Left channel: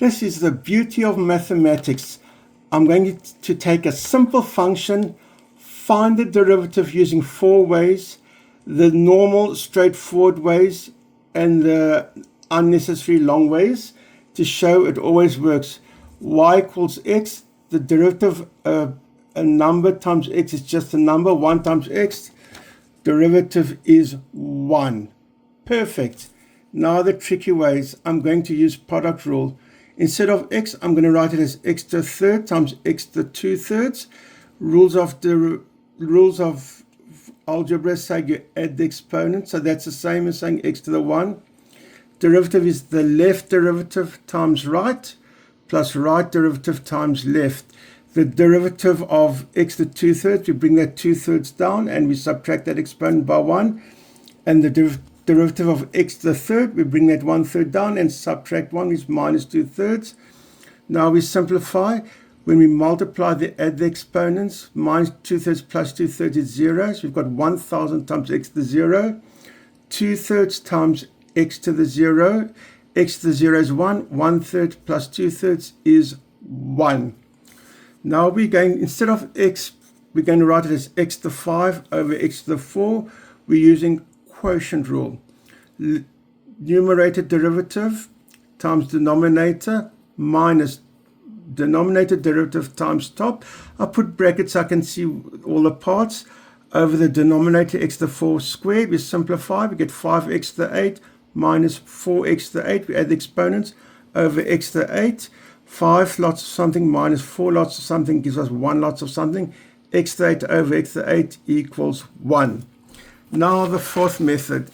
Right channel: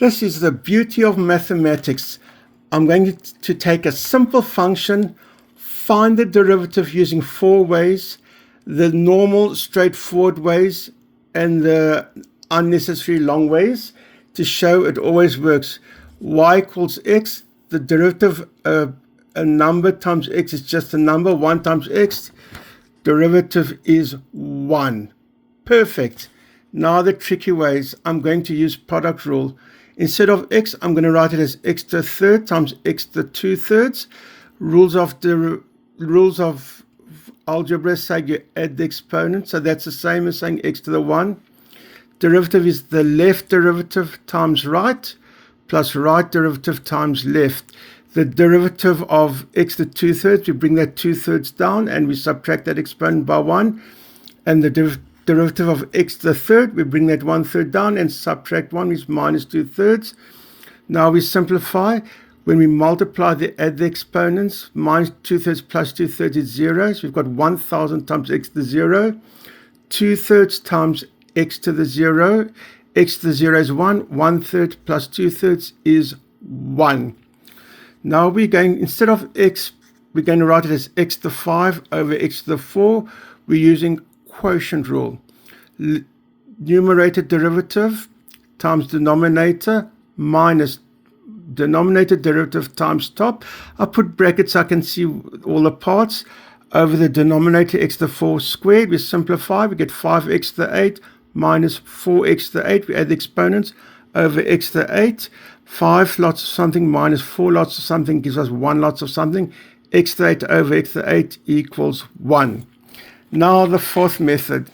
This is the beauty of mathematics. I'm going to take a simple function, find the derivative using four ways, the normal straightforward ways and the unnecessary long ways, to show it always works. Y equals x, the derivative a number times x is just a number, 1 times x, derivative is 1. Perfect. Now the tricky ways, I'm going to use product rule. Instead of x, I'm going to write it as x to the third times x to the 2/3. Rules of algebra say you add the exponent, so that's the same as saying x to the 1. Derivative is the left derivative times right, plus right derivative times left. The derivative of x to the 2/3, we bring that 2/3 down and we subtract that exponent by 1. And the derivative of x to the third, we bring that 1/3 down and subtract 1 is minus 2/3. Now we simplify. When we multiply add the exponents, minus 2/3 plus 2/3 is 0. So we've got 1,000 times x to the 0. 2/3 times x to the 0. X to the 0 is 1. 1/3 plus 2/3 is 1. Now we're going, instead of x, we're going to write it as x to the 5 over x to the 4. We're using quotient rule. Numerator derivative times denominator minus denominator derivative times top. I put brackets so I can see all the parts. Over the denominator x to the 4 squared, we simplify, we get 5x to the 8 minus 4x to the 8. We add the exponents over x to the 8. 5 lots of something minus 4 lots of something gives us 1 lots of something. X to the 8 over x to the 8 equals 1. Now the fourth method.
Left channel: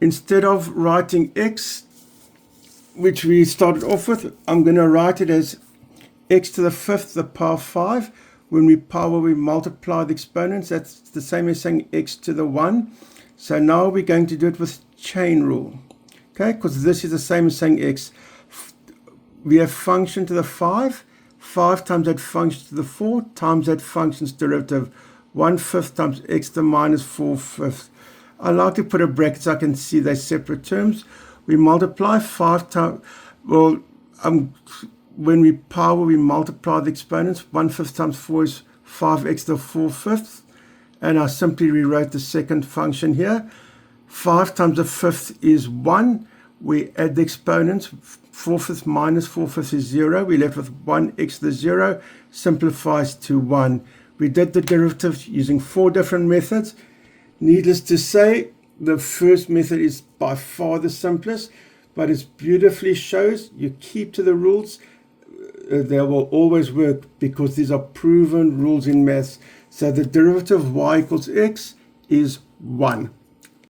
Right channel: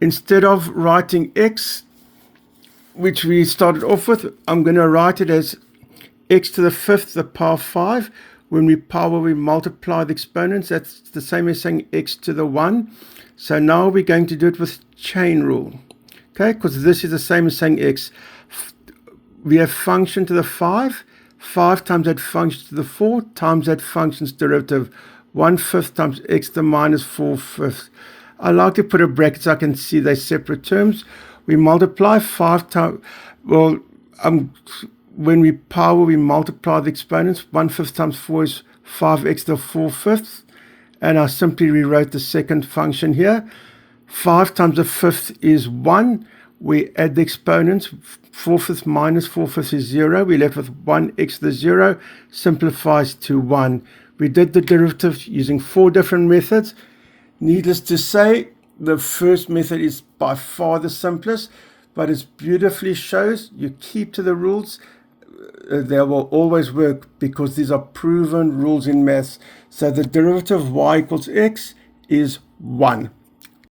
Instead of writing x, which we started off with, I'm going to write it as x to the 5th, the power 5. When we power, we multiply the exponents. That's the same as saying x to the 1. So now we're going to do it with chain rule. Okay, because this is the same as saying x. We have function to the 5. 5 times that function to the 4 times that function's derivative. 1/5 times x to the minus 4/5. I like to put a bracket so I can see they're separate terms. We multiply 5 times, when we power, we multiply the exponents. 1/5 times 4 is 5x to the 4/5. And I simply rewrote the second function here. 5 times the 5th is 1. We add the exponents. 4/5 minus 4/5 is 0. We're left with 1x to the 0. Simplifies to 1. We did the derivative using 4 different methods. Needless to say, the first method is by far the simplest, but it beautifully shows you keep to the rules. They will always work because these are proven rules in maths. So the derivative of y equals x is 1.